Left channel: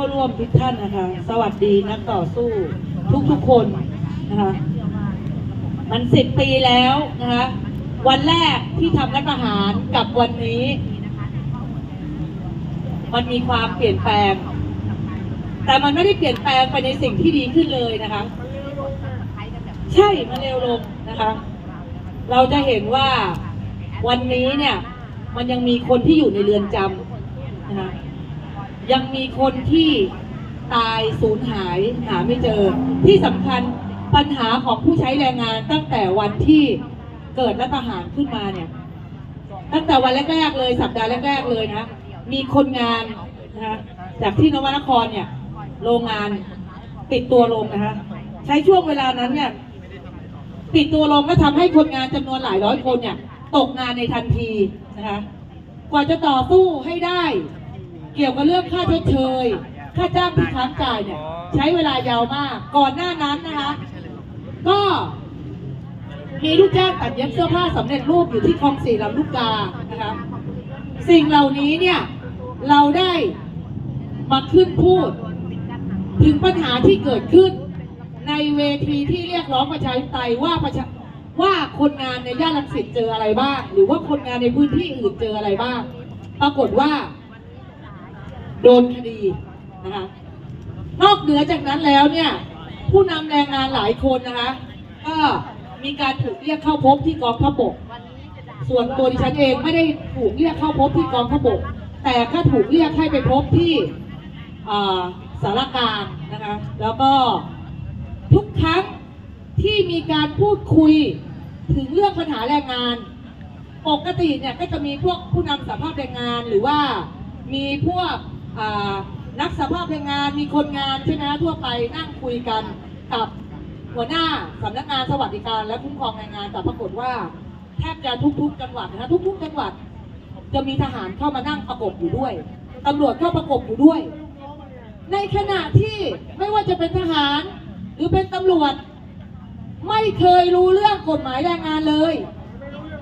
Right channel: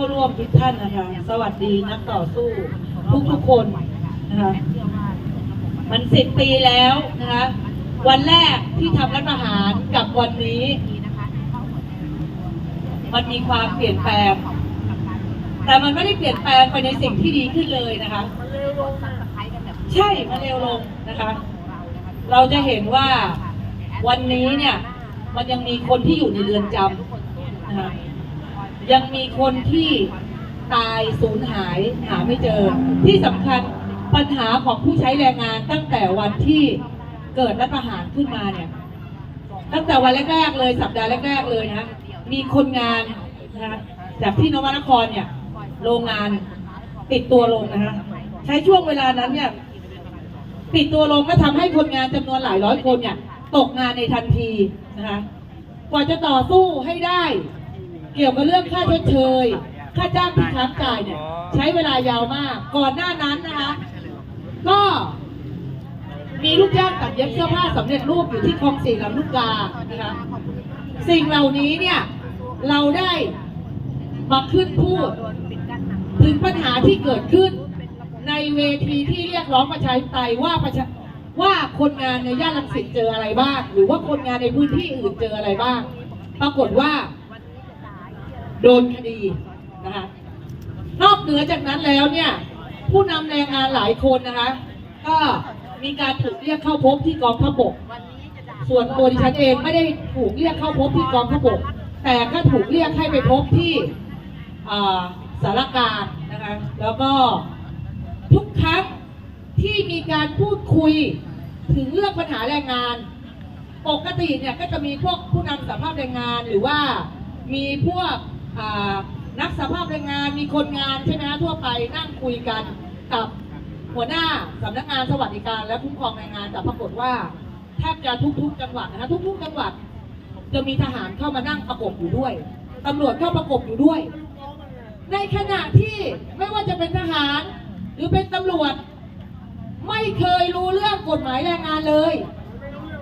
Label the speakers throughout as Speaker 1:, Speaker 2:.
Speaker 1: เข้าร่วมทุกท่านนะคะ สวัสดีนักต่อสู้ทุกทุกๆคนนะคะ มันสิบปีแล้วนะคะ วันแรกที่ทำรัฐประหารกับวันนี้ มันมีความเปลี่ยนแปลง แต่มันไม่ได้เปลี่ยนแปลงไปในสิ่งที่ดีขึ้นเลยนะคะ ใช่ มันเร็วลงนะคะ เราจะเห็นว่าวันนี้เนี่ย มันยังมีคนที่อยู่ในเรือนจำนะคะ ยังมีคนที่ตายสูญหายหาไม่เจอ ที่สำคัญปัญหาของผู้ใช้แรงงานตั้งแต่วันที่เกิดรัฐประหารขึ้นมาเนี่ย ตั้งแต่วันแรกๆเลยสัปดาห์แรกๆเลยนะ มีคนงานนะจากที่นวนครเนี่ย โรงงานปิดตัวลงนะคะใช้ช่วงเวลานั้นเนี่ย ปิดตัวลงก็ทำให้คนงานจำนวนหลายร้อยคนเนี่ย ตกงานในทันทีนะคะกว่าจะต่อสู้ให้ได้ เกี่ยวกับเรื่องค่าชดเชย ค่าจ้างที่ค้างจ่ายเนี่ย ใช้เวลายาวมาก ก่อนหน้านั้นนะคะ ก็มีลูกจ้างตัดเย็บเสื้อผ้าสำเร็จรูปอยู่ที่คลองสี่ลำลูกกานะคะสิ่งเหล่านี้เนี่ยเราได้มาขึ้นพูด ถึงปัญหาที่เกิดขึ้น ในเวทีที่เรียกร้องประชาธิปไตยว่าประชาว่าคนงานในย่านรังสิตเจออะไรบ้าง หรือว่าคนงานในพื้นที่อื่นเจออะไรบ้าง ปรากฏว่า โดนคดีนะคะนอกเหนือจากนั้นแล้วเนี่ย ผู้นำแรงงานหลายคนนะคะ ก็มีการถูกเรียกเข้าพบที่กองทัพบก ส่วนตัวดิฉันเองไม่ได้ถูกเรียกเข้าพบที่กองทัพบก แต่ก็ถูกเรียกให้ไปพบที่สารการนะคะ แล้วก็ทุกครั้งที่มีการพูดคุยถึงเรื่องปัญหาแรงงาน ปกติเนี่ยก็จะมีพวกผู้นำสภาพแรงงานหรือว่ามีพวก นักสภาพแรงงานมีคนงานใช่ไหมทั่วไปนั่งคุยกันกับหัวหน้าสำนักงานสวัสดิการและคุ้มครองแรงงานแต่ปรากฏว่าแทบจะทุกๆ จังหวัดนะคะทุก ๆ จังหวัด จะมีทหารเข้ามานั่งประกบอยู่ด้วยตำรวจเข้าประกบอยู่ด้วย ในขณะที่ไม่ว่าจะเป็นทหาร หรือเป็นตำรวจ ไม่เคยรู้เรื่องกฎหมายแรงงานเลย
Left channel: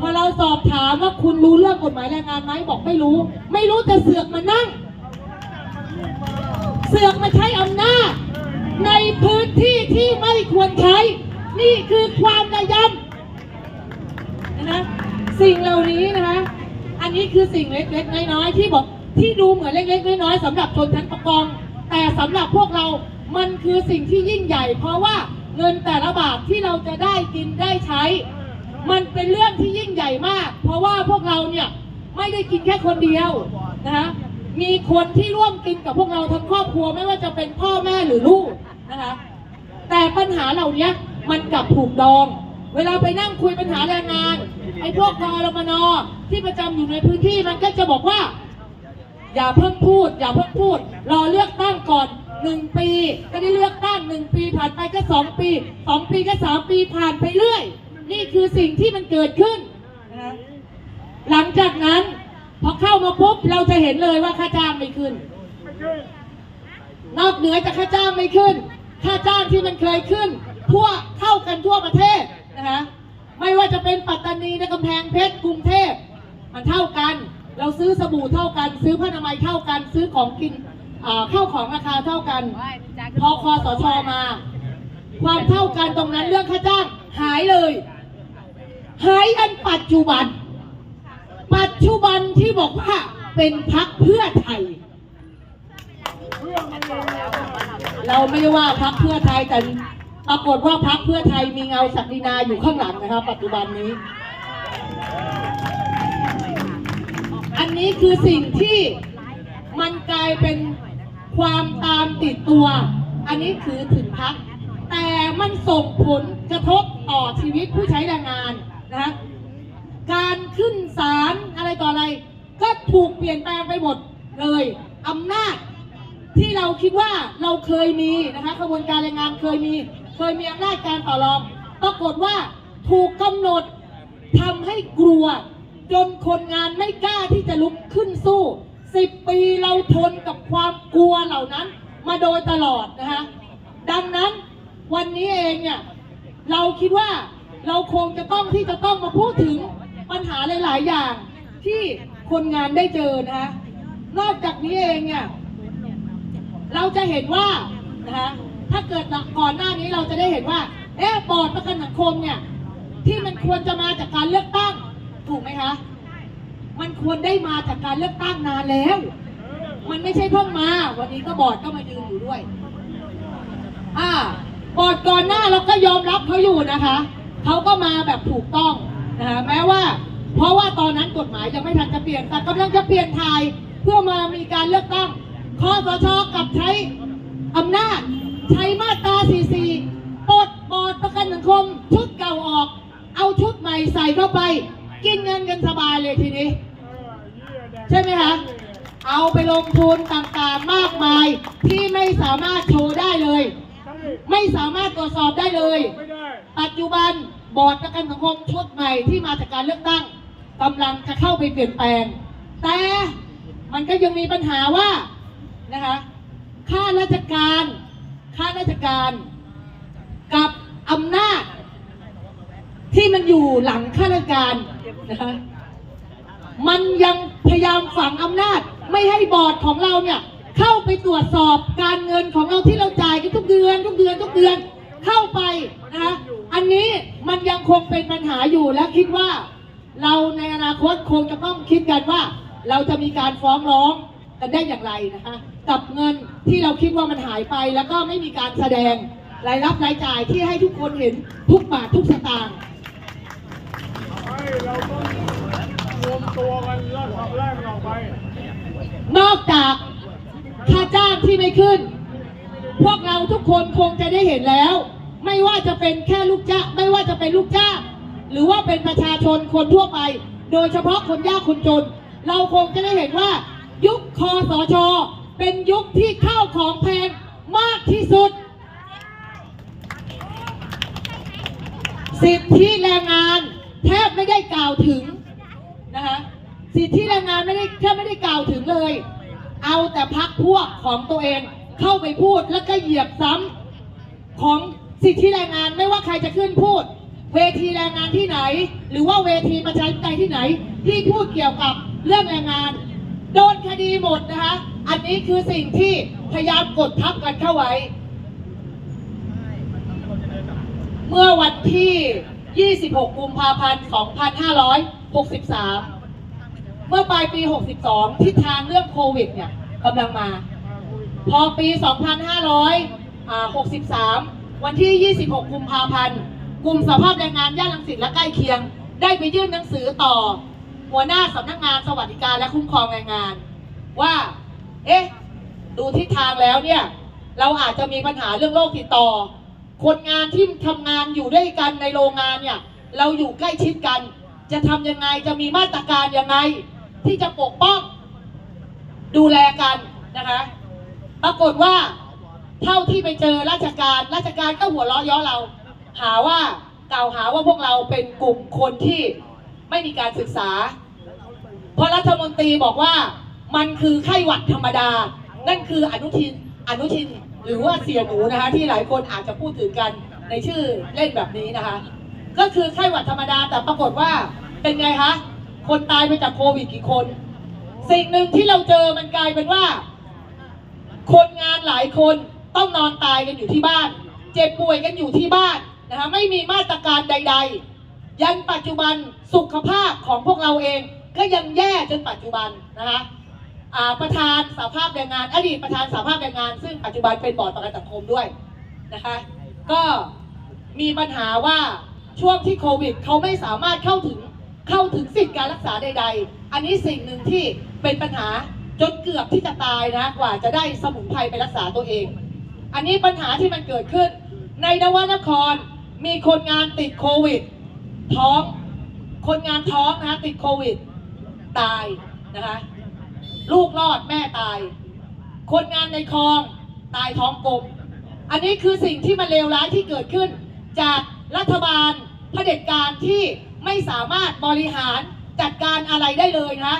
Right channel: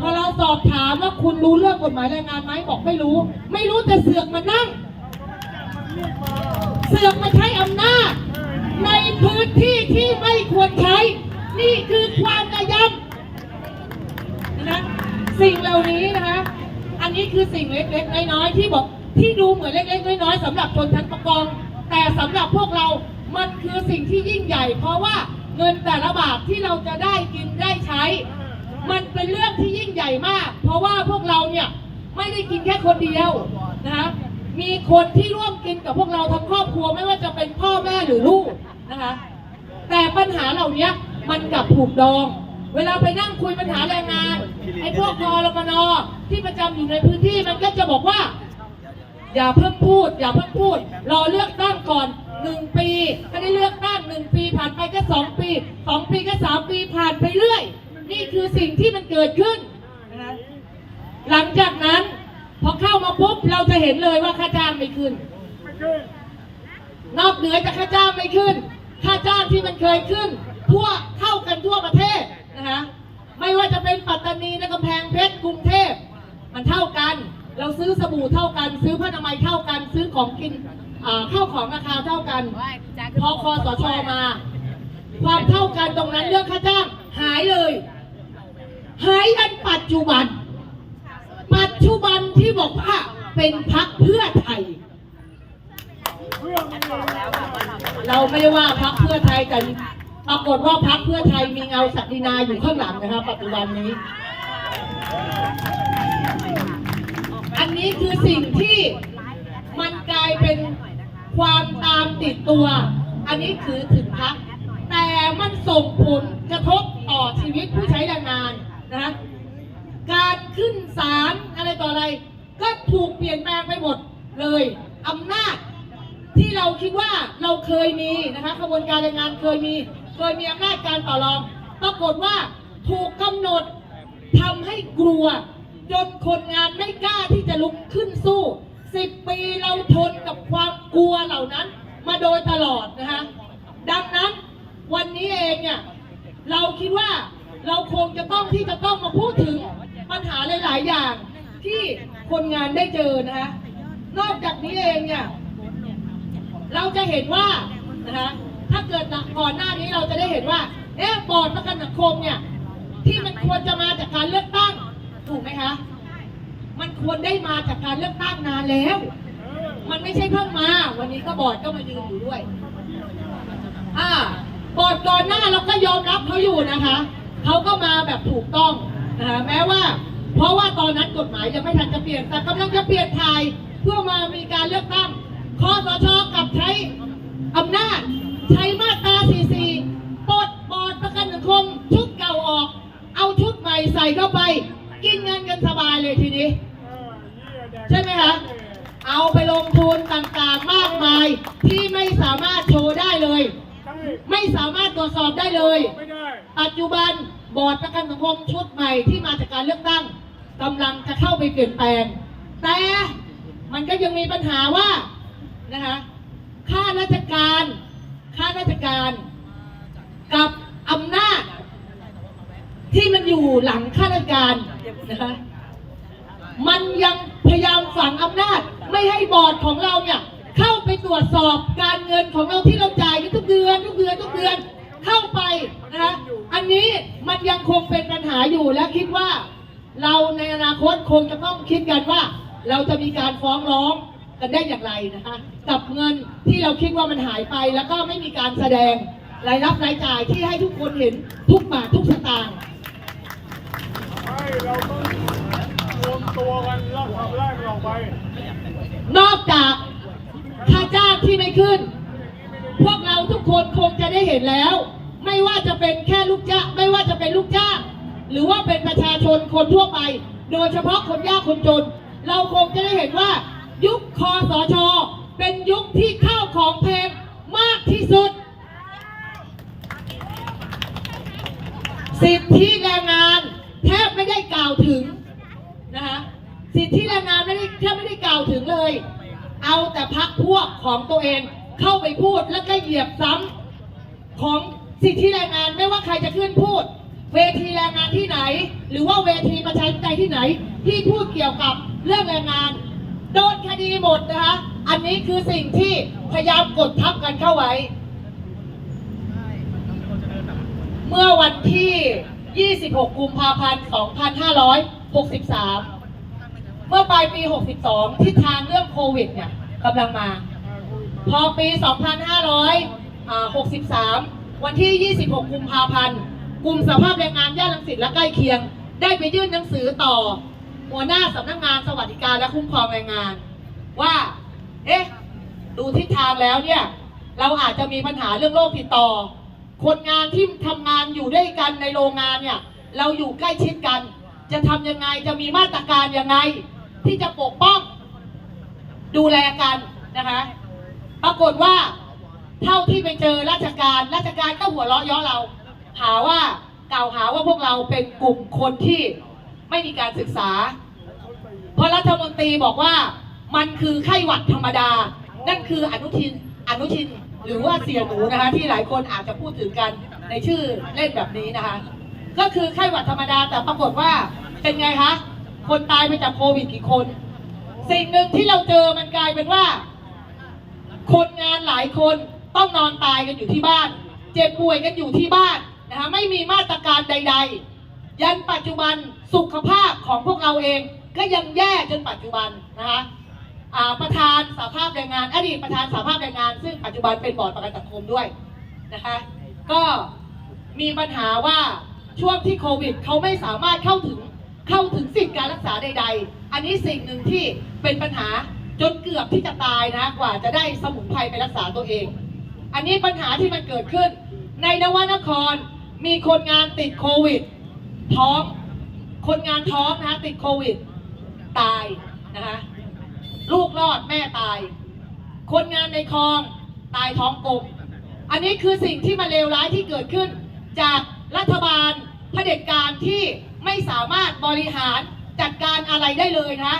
Speaker 1: พอเราสอบถามว่าคุณรู้เรื่องกฎหมายแรงงานไหมบอกไม่รู้ ไม่รู้แต่เสือกมานั่ง เสือกมาใช้อำนาจ ในพื้นที่ที่ไม่ควรใช้ นี่คือความระยำนะคะสิ่งเหล่านี้นะคะอันนี้คือสิ่งเล็กๆน้อยๆที่บอกที่ดูเหมือนเล็กๆน้อยๆสำหรับคนทั้งประกอง แต่สำหรับพวกเรามันคือสิ่งที่ยิ่งใหญ่ เพราะว่าเงินแต่ละบาทที่เราจะได้กินได้ใช้ มันเป็นเรื่องที่ยิ่งใหญ่มาก เพราะว่าพวกเราเนี่ยไม่ได้กินแค่คนเดียวนะคะ มีคนที่ร่วมกินกับพวกเราทั้งครอบครัวไม่ว่าจะเป็นพ่อแม่หรือลูกนะคะ แต่ปัญหาเหล่านี้มันกลับถูกดอง เวลาไปนั่งคุยปัญหาแรงงานไอ้พวกกอรมนที่ประจำอยู่ในพื้นที่มันก็จะบอกว่า อย่าเพิ่งพูด อย่าเพิ่งพูด รอเลือกตั้งก่อนหนึ่งปีก็ได้เลือกตั้งหนึ่งปีผ่านไปก็สองปีสองปีก็สามปีผ่านไปเรื่อย นี่คือสิ่งที่มันเกิดขึ้นนะหลังจากนั้น พอเข้ามาปุ๊บเราจะเห็นเลยว่าค่าจ้างไม่ขึ้น นอกเหนือจากค่าจ้างไม่ขึ้น ค่าจ้างที่มันเคยขึ้น ทั่วเท่ากันทั่วประเทศนะคะไม่ว่าจะเป็นปัตตานีในกำแพงเพชรกรุงเทพมันเท่ากัน เราซื้อสบู่เท่ากัน ซื้อผ้าอนามัยเท่ากัน ซื้อของกินเข้าของราคาเท่ากันพอคอสชมา ความเท่ากันตรงนั้นเรื่องค่าจ้างหายเลย หายอันปัจจุบัน ปัจจุบันที่บอกว่าเป็นพักเพื่อไทย เราไม่ได้ว่าพักเพื่อไทยแต่ปรากฏว่าพักเพื่อไทยมีเงาศักดินาอยู่ข้างหลังนะครับปัจจุบันนี้ อันนี้คือสิ่งที่มันกลายเป็นความตามติดตัว อันนี้คือถึงพักแต่มันส่งผลกระทบต่อชีวิตผู้ใช้แรงงานนะคะ การขึ้นศาลอะไรต่ออะไร ก็ถูกเปลี่ยนแปลงไปหมดเลยอำนาจที่เราคิดว่าเราเคยมีนะคะขบวนการแรงงานเคยมี เคยมีอำนาจการต่อรอง ปรากฏว่าถูกกำหนดทำให้กลัว จนคนงานไม่กล้าที่จะลุกขึ้นสู้สิบปีเราทนกับความกลัวเหล่านั้น มาโดยตลอดนะคะดังนั้นวันนี้เองเนี่ยเราคิดว่าเราคงจะต้องที่จะต้องมาพูดถึง ปัญหาหลาย ๆ อย่างที่คนงานได้เจอนะคะนอกจากนี้เองเนี่ยเราจะเห็นว่านะคะถ้าเกิดก่อนหน้านี้เราจะได้เห็นว่าเอ๊ะบอร์ดประกันสังคมเนี่ยที่มันควรจะมาจากการเลือกตั้งถูกไหมคะมันควรได้มาจากการเลือกตั้งนานแล้ว มันไม่ใช่เพิ่งมา วันนี้ก็บอร์ดก็มายืนอยู่ด้วยอ่าบอร์ดก่อนหน้าเราก็ยอมรับเขาอยู่นะคะเขาก็มาแบบถูกต้อง นะคะแม้ว่า เพราะว่าตอนนั้นกฎหมายยังไม่ทันจะเปลี่ยน แต่กำลังจะเปลี่ยนถ่ายเพื่อมามีการเลือกตั้งคอสชกลับใช้อำนาจ ใช้มาตรา 44ปลดบอร์ดประกันสังคมชุดเก่าออก เอาชุดใหม่ใส่เข้าไป กินเงินกันสบายเลยทีนี้ ใช่ไหมคะเอาไปลงทุนต่างๆมากมายที่ไม่สามารถโชว์ได้เลย ไม่สามารถตรวจสอบได้เลย
Speaker 2: ไม่ได้
Speaker 1: ปัจจุบัน บอร์ดประกันสังคมชุดใหม่ที่มาจากการเลือกตั้งกำลังจะเข้าไปเปลี่ยนแปลง แต่มันก็ยังมีปัญหาว่านะคะข้าราชการข้าราชการกับอำนาจ ที่มันอยู่หลังข้าราชการนะคะมันยังพยายามฝังอำนาจ ไม่ให้บอร์ดของเราเนี่ยเข้าไปตรวจสอบการเงินของเราที่เราจ่ายทุกเดือน ทุกเดือนทุกเดือนเข้าไปนะคะ อันนี้มันยังคงเป็นปัญหาอยู่และคิดว่า เราในอนาคตคงจะต้องคิดกันว่า เราจะมีการฟ้องร้องกันได้อย่างไรนะคะกับเงินที่เราคิดว่ามันหายไป แล้วก็ไม่มีการแสดงรายรับรายจ่ายที่ให้ทุกคนเห็นทุกบาททุกสตางค์
Speaker 2: ให้เราต้องรวมตัวกันแล้วขับ
Speaker 1: นอกจากค่าจ้างที่ไม่ขึ้น พวกเราทุกคนคงจะได้เห็นแล้ว ไม่ว่าจะเป็นแค่ลูกจ้างไม่ว่าจะเป็นลูกจ้าง หรือว่าเป็นประชาชนคนทั่วไป โดยเฉพาะคนยากคนจน เราคงจะได้เห็นว่า ยุคคอสชเป็นยุคที่ข้าวของแพงมากที่สุด สิทธิแรงงานแทบไม่ได้กล่าวถึงนะคะสิทธิแรงงานไม่ได้แทบไม่ได้กล่าวถึงเลย เอาแต่พักพวกของตัวเองเข้าไปพูดแล้วก็เหยียบซ้ำของ สิทธิแรงงานไม่ว่าใครจะขึ้นพูด เวทีแรงงานที่ไหน หรือว่าเวทีประชาธิปไตยที่ไหน ที่พูดเกี่ยวกับเรื่องแรงงาน โดนคดีหมดนะคะ อันนี้คือสิ่งที่พยายามกดทับกันเข้าไว้ เมื่อวันที่ 26 กุมภาพันธ์ 2563 เมื่อปลายปี 62 ทิศทางเรื่องโควิดเนี่ยกำลังมา พอปี 2563 วันที่ 26 กุมภาพันธ์ กลุ่มสภาพแรงงานย่านลังสิตและใกล้เคียง ได้ไปยื่นหนังสือต่อ หัวหน้าสำนักงานสวัสดิการและคุ้มครองแรงงาน ว่า เอ๊ะ ดูทิศทางแล้วเนี่ย เราอาจจะมีปัญหาเรื่องโรคติดต่อ คนงานที่ทำงานอยู่ด้วยกันในโรงงานเนี่ย เราอยู่ใกล้ชิดกัน จะทำยังไง จะมีมาตรการยังไง ที่จะปกป้อง ดูแลกันนะคะ ปรากฏว่า เท่าที่ไปเจอราชการราชการก็หัวเราะเย้อเรา หาว่ากล่าวหาว่าพวกเราเป็นกลุ่มคนที่ไม่มีการศึกษา เพราะรัฐมนตรีบอกว่ามันคือไข้หวัดธรรมดา นั่นคืออนุทินอนุทินหรือว่าเสียหนูนะคะ ที่หลายคนอาจจะพูดถึงกันในชื่อเล่นแบบนี้นะคะ ก็คือไข้หวัดธรรมดาแต่ปรากฏว่าเป็นไงคะคนตายไปจากโควิดกี่คน สิ่งหนึ่งที่เราเจอมันกลายเป็นว่า คนงานหลายคน ต้องนอนตายกันอยู่ที่บ้าน เจ็บป่วยกันอยู่ที่บ้านนะคะไม่มีมาตรการใด ๆ ยันปัจจุบันสุขภาพของพวกเราเอง ก็ยังแย่จนปัจจุบันนะคะประธานสาภาพแรงงาน อดีตประธานสาภาพแรงงาน ซึ่งปัจจุบันเป็นบอร์ดประกันสังคมด้วยนะคะก็มีปัญหาว่าช่วงที่โควิดเขาไม่สามารถเข้าถึงเข้าถึงสิทธิการรักษาใด ๆ อันนี้สิ่งหนึ่งที่เป็นปัญหาจนเกือบที่จะตายนะกว่าจะได้สมุนไพรไปรักษาตัวเอง อันนี้ปัญหาที่มันเกิดขึ้น ในนวนครมีคนงานติดโควิด ท้อง คนงานท้องนะคะติดโควิด ตายนะคะลูกรอดแม่ตาย คนงานในคลองตายท้องกลม อันนี้คือสิ่งที่มันเลวร้ายที่เกิดขึ้น จากรัฐบาลเผด็จการที่ไม่สามารถบริหารจัดการอะไรได้เลยนะ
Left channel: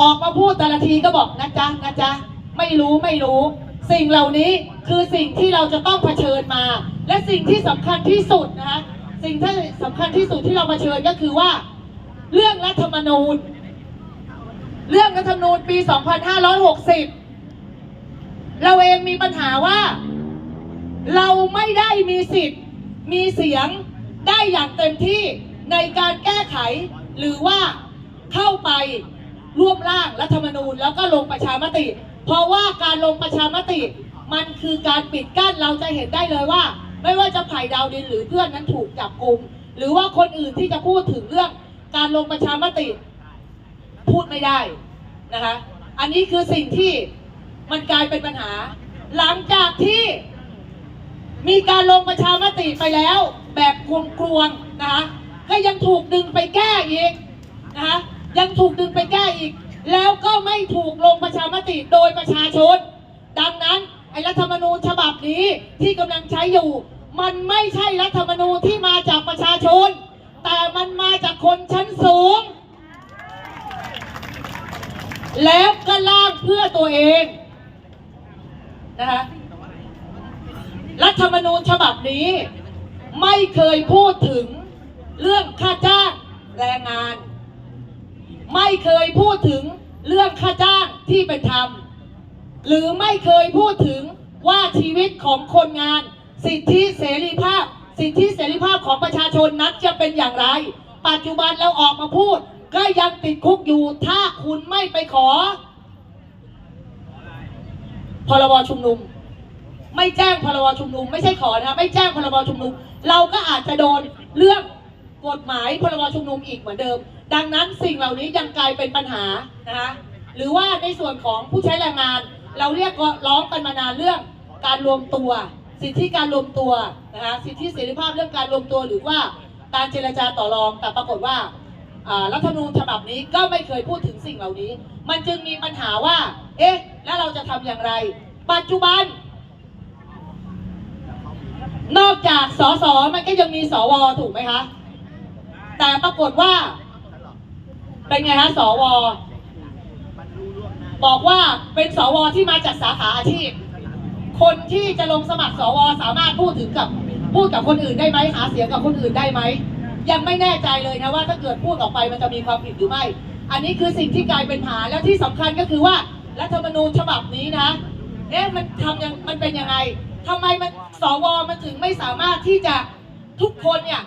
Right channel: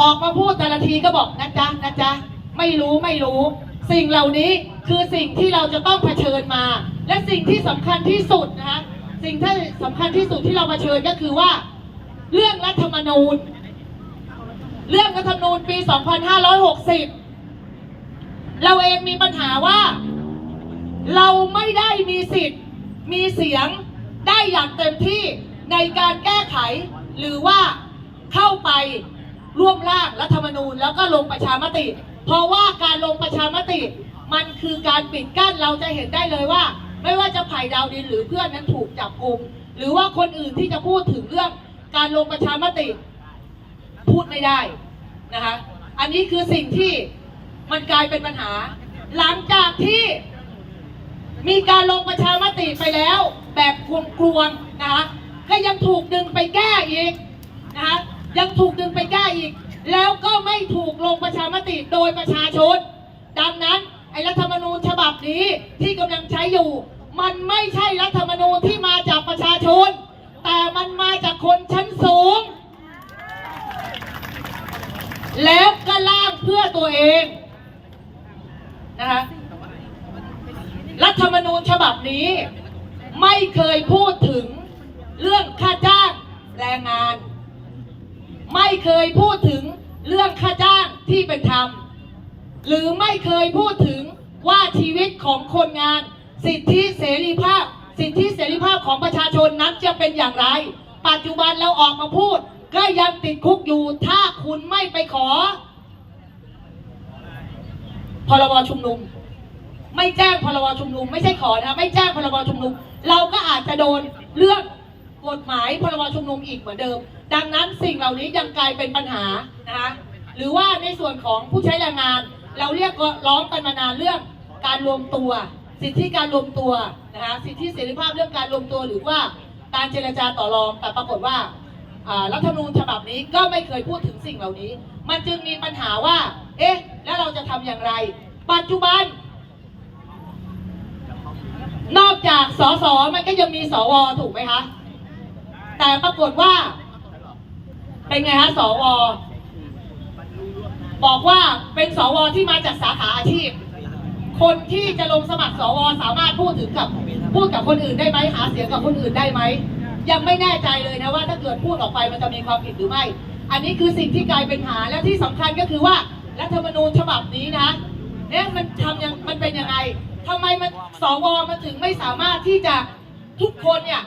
Speaker 1: ออกมาพูดแต่ละทีก็บอกนะจ๊ะนะจ๊ะไม่รู้ไม่รู้ สิ่งเหล่านี้คือสิ่งที่เราจะต้องเผชิญมา และสิ่งที่สำคัญที่สุดนะคะสิ่งที่สำคัญที่สุดที่เราเผชิญก็คือว่า เรื่องรัฐธรรมนูญ เรื่องรัฐธรรมนูญปี 2560 เราเองมีปัญหาว่า เราไม่ได้มีสิทธิ์มีเสียงได้อย่างเต็มที่ในการแก้ไขหรือว่าเข้าไป ร่วมร่างรัฐธรรมนูญแล้วก็ลงประชามติ เพราะว่าการลงประชามติ มันคือการปิดกั้นเราจะเห็นได้เลยว่า ไม่ว่าจะไผ่ดาวดินหรือเพื่อนนั้นถูกจับกลุมหรือว่าคนอื่นที่จะพูดถึงเรื่องการลงประชามติ พูดไม่ได้นะคะ อันนี้คือสิ่งที่มันกลายเป็นปัญหา หลังจากที่มีการลงประชามติไปแล้ว แบบกลวงๆนะคะก็ยังถูกดึงไปแก้อีกนะคะยังถูกดึงไปแก้ อีก แล้วก็ไม่ถูกลงประชามติโดยประชาชน ดังนั้นไอ้รัฐธรรมนูญฉบับนี้ที่กำลังใช้อยู่ มันไม่ใช่รัฐธรรมนูญที่มาจากประชาชน แต่มันมาจากคนชั้นสูง แล้วก็ล่างเพื่อตัวเองนะคะรัฐธรรมนูญฉบับนี้ ไม่เคยพูดถึงเรื่องค่าจ้างแรงงาน ไม่เคยพูดถึงเรื่องค่าจ้างที่เป็นธรรม หรือไม่เคยพูดถึงว่าชีวิตของคนงาน สิทธิเสรีภาพ สิทธิเสรีภาพของประชาชนนั้นจะเป็นอย่างไร ปัจจุบันเราออกมาพูด ก็ยังติดคุกอยู่ถ้าคุณไม่ไปขอพรบชุมนุม ไม่แจ้งพรบชุมนุม ไม่ใช่ขอนะคะไม่แจ้งพรบชุมนุม เราก็อาจจะโดนเรื่องกฎหมายพรบชุมนุมอีกเหมือนเดิม ดังนั้นสิ่งเหล่านี้ยังกลายเป็นปัญหานะคะหรือว่าในส่วนของผู้ใช้แรงงาน เราเรียกร้องกันมานานเรื่องการรวมตัว สิทธิการรวมตัวนะคะสิทธิเสรีภาพเรื่องการรวมตัวหรือว่าการเจรจาต่อรอง แต่ปรากฏว่ารัฐธรรมนูญฉบับนี้ก็ไม่เคยพูดถึงสิ่งเหล่านี้ มันจึงมีปัญหาว่า เอ๊ะ แล้วเราจะทำอย่างไร ปัจจุบัน นอกจากสสมันก็ยังมีสวถูกไหมคะ แต่ปรากฏว่า เป็นไงคะสวบอกว่าเป็นสวที่มาจากสาขาอาชีพ คนที่จะลงสมัครสวสามารถพูดถึงกับพูดกับคนอื่นได้ไหมหาเสียงกับคนอื่นได้ไหมยังไม่แน่ใจเลยนะว่าถ้าเกิดพูดออกไปมันจะมีความผิดหรือไม่ อันนี้คือสิ่งที่กลายเป็นหาแล้วที่สำคัญก็คือว่ารัฐธรรมนูญฉบับนี้นะเอ๊ะมันทำยังมันเป็นยังไงทำไมมันสวมันถึงไม่สามารถที่จะทุกคนเนี่ย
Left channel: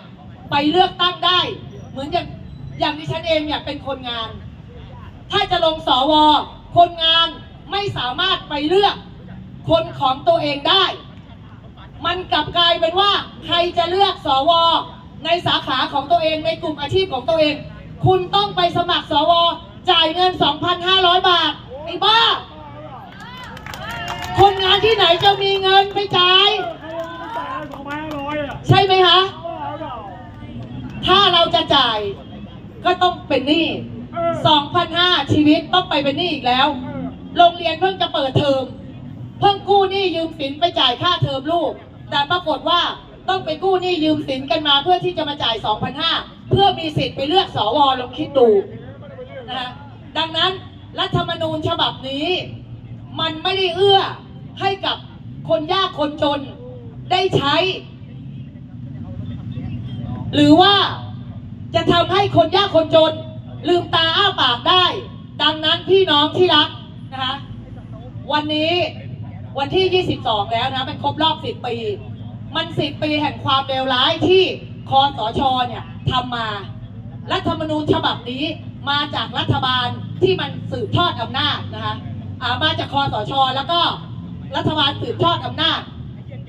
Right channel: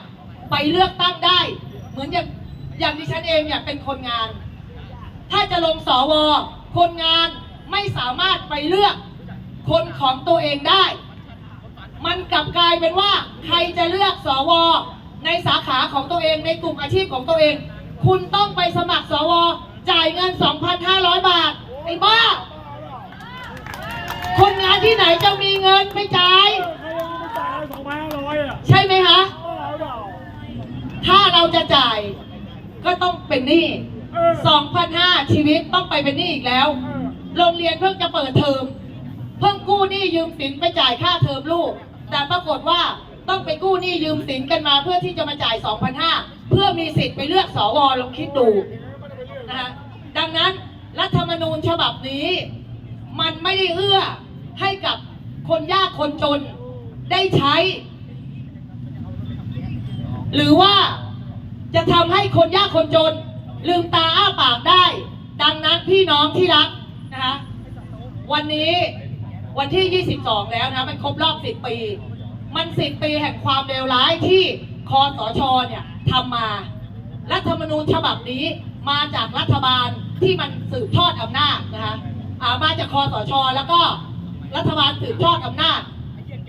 Speaker 1: ไปเลือกตั้งได้ เหมือนอย่าง อย่างดิฉันเองเนี่ยเป็นคนงาน ถ้าจะลงสว คนงานไม่สามารถไปเลือกคนของตัวเองได้ มันกลับกลายเป็นว่าใครจะเลือกสว ในสาขาของตัวเองในกลุ่มอาชีพของตัวเอง คุณต้องไปสมัครสว จ่ายเงิน 2,500 บาทไอ้บ้า คนงานที่ไหนจะมีเงินไปจ่าย
Speaker 2: ใช่
Speaker 1: ไหมคะ ถ้าเราจะจ่าย ก็ต้องเป็นหนี้
Speaker 2: เออ
Speaker 1: 2,500ชีวิตต้องไปเป็นหนี้อีกแล้ว
Speaker 2: เออ
Speaker 1: โรงเรียนเพิ่งจะเปิดเทอม เพิ่งกู้หนี้ยืมสินไปจ่ายค่าเทอมลูก แต่ปรากฏว่าต้องไปกู้หนี้ยืมสินกันมาเพื่อที่จะมาจ่าย2,500เพื่อมีสิทธิ์ไปเลือกสวลองคิดดูนะคะดังนั้นรัฐธรรมนูญฉบับนี้ มันไม่ได้เอื้อให้กับคนยากคนจนได้ใช้ หรือว่า จะทำให้คนยากคนจน ลืมตาอ้าปากได้ ดังนั้นพี่น้องที่รักนะคะวันนี้วันที่ 22 แล้วนะมันครบรอบ 10 ปี มัน 10 ปีแห่งความเลวร้ายที่คอสชเนี่ยทำมา รัฐธรรมนูญฉบับนี้มาจากรัฐบาลที่มันสืบทอดอำนาจนะคะอามาจากคอสช แล้วก็รัฐบาลสืบทอดอำนาจ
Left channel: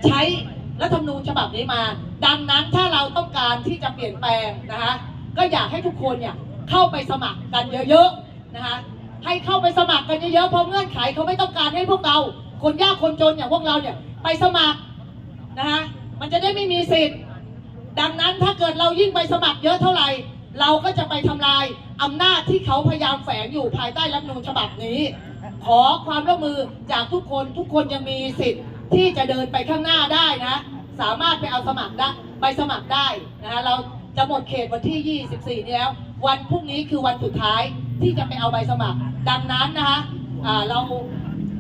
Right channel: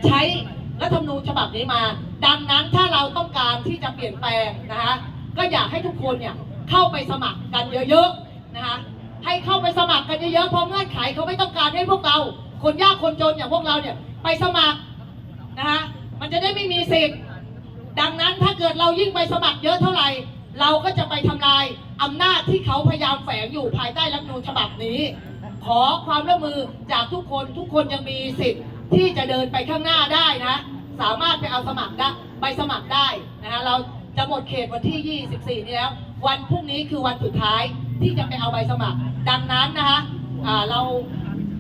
Speaker 1: ใช้รัฐธรรมนูญฉบับนี้มา ดังนั้นถ้าเราต้องการที่จะเปลี่ยนแปลงนะคะ ก็อยากให้ทุกคนเนี่ยเข้าไปสมัครกันเยอะๆนะคะให้เข้าไปสมัครกันเยอะๆเพราะเงื่อนไขเขาไม่ต้องการให้พวกเรา คนยากคนจนอย่างพวกเราเนี่ยไปสมัครนะคะมันจะได้ไม่มีสิทธิ์ดังนั้นถ้าเกิดเรายิ่งไปสมัครเยอะเท่าไหร่ เราก็จะไปทำลายอำนาจที่เขาพยายามแฝงอยู่ภายใต้รัฐนูญฉบับนี้ ขอความร่วมมือจากทุกคนทุกคนยังมีสิทธิ์ที่จะเดินไปข้างหน้าได้นะ สามารถไปเอาสมัครได้ไปสมัครได้นะคะเรา จะหมดเขตวันที่ 24 นี้แล้ว วันพรุ่งนี้คือวันสุดท้ายที่จะไปเอาใบสมัคร ดังนั้นนะคะเรา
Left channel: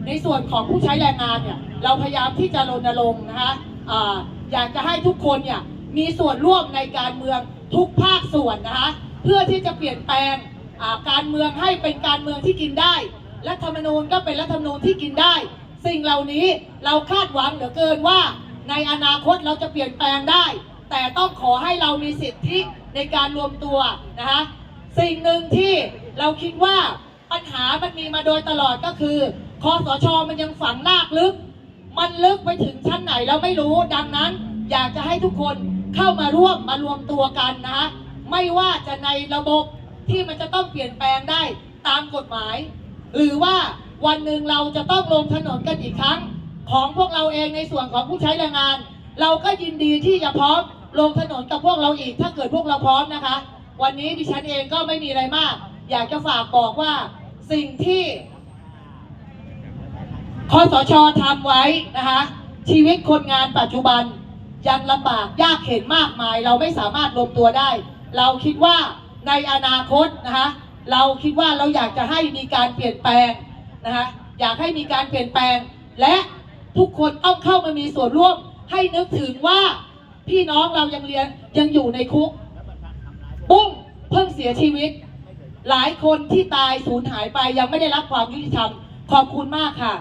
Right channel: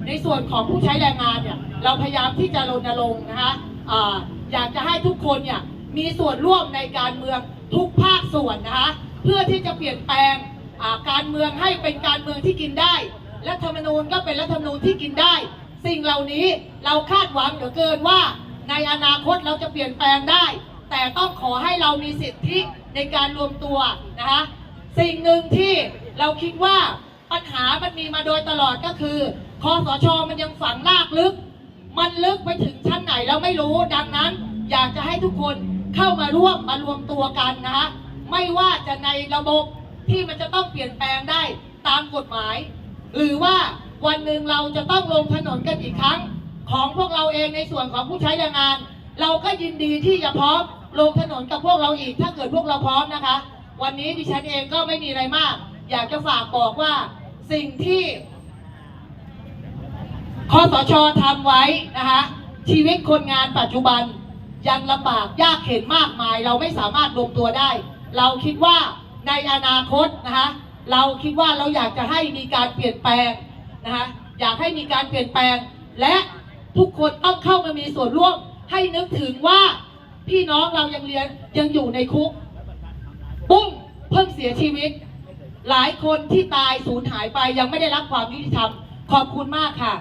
Speaker 1: ในส่วนของผู้ใช้แรงงานเนี่ยเราพยายามที่จะรณรงค์นะคะอ่าอยากจะให้ทุกคนเนี่ยมีส่วนร่วมในการเมืองทุกภาคส่วนนะคะเพื่อที่จะเปลี่ยนแปลงการเมืองให้เป็นการเมืองที่กินได้รัฐธรรมนูญก็เป็นรัฐธรรมนูญที่กินได้ สิ่งเหล่านี้เราคาดหวังเหลือเกินว่า ในอนาคตเราจะเปลี่ยนแปลงได้ แต่ต้องขอให้เรามีสิทธิในการรวมตัวนะคะสิ่งหนึ่งที่เราคิดว่าปัญหามันมีมาโดยตลอดก็คือคอสชมันยังฝังลากลึก มันลึกไปถึงชั้นไหนเราไม่รู้ดังนั้น อยากจะให้ทุกคนเข้ามาร่วมมารวมตัวกันนะคะไม่ว่าจะในระบบที่มันจะต้องเปลี่ยนแปลงได้ตามกฎหมาย หรือว่าวันหนึ่งเราจะต้องลงถนนกันอีกครั้ง ของพวกเราเองในส่วนของผู้ใช้แรงงาน เราก็ยินดีที่จะพร้อม ลงถนนกับพวกเราอีก ถ้าเกิดพวกเราพร้อมนะคะ วันนี้ดิฉันเองก็ไม่มีอะไรมาก อยากจะฝากบอกว่าสิ่งที่คอสชทำไว้นะคะชีวิตคนงานปัจจุบันยังลำบากยากเข็นมากมาย เราไม่สามารถรวมตัวได้ เราคิดว่าในอนาคตนะคะเราคิดว่าเราอยากจะให้มีการเปลี่ยนแปลงนะคะอยากให้มีการเปลี่ยนแปลง และทุกคนต้องเข้ามามีส่วนร่วมให้นึกถึงว่า พี่น้องเรายังเรียนยังอยู่ในคุก ปุ้งเพิ่งเสียชีวิต หลายคนที่ตายสูญหายไปยังไม่ได้รับความยุติธรรม ขอบคุณมากค่ะ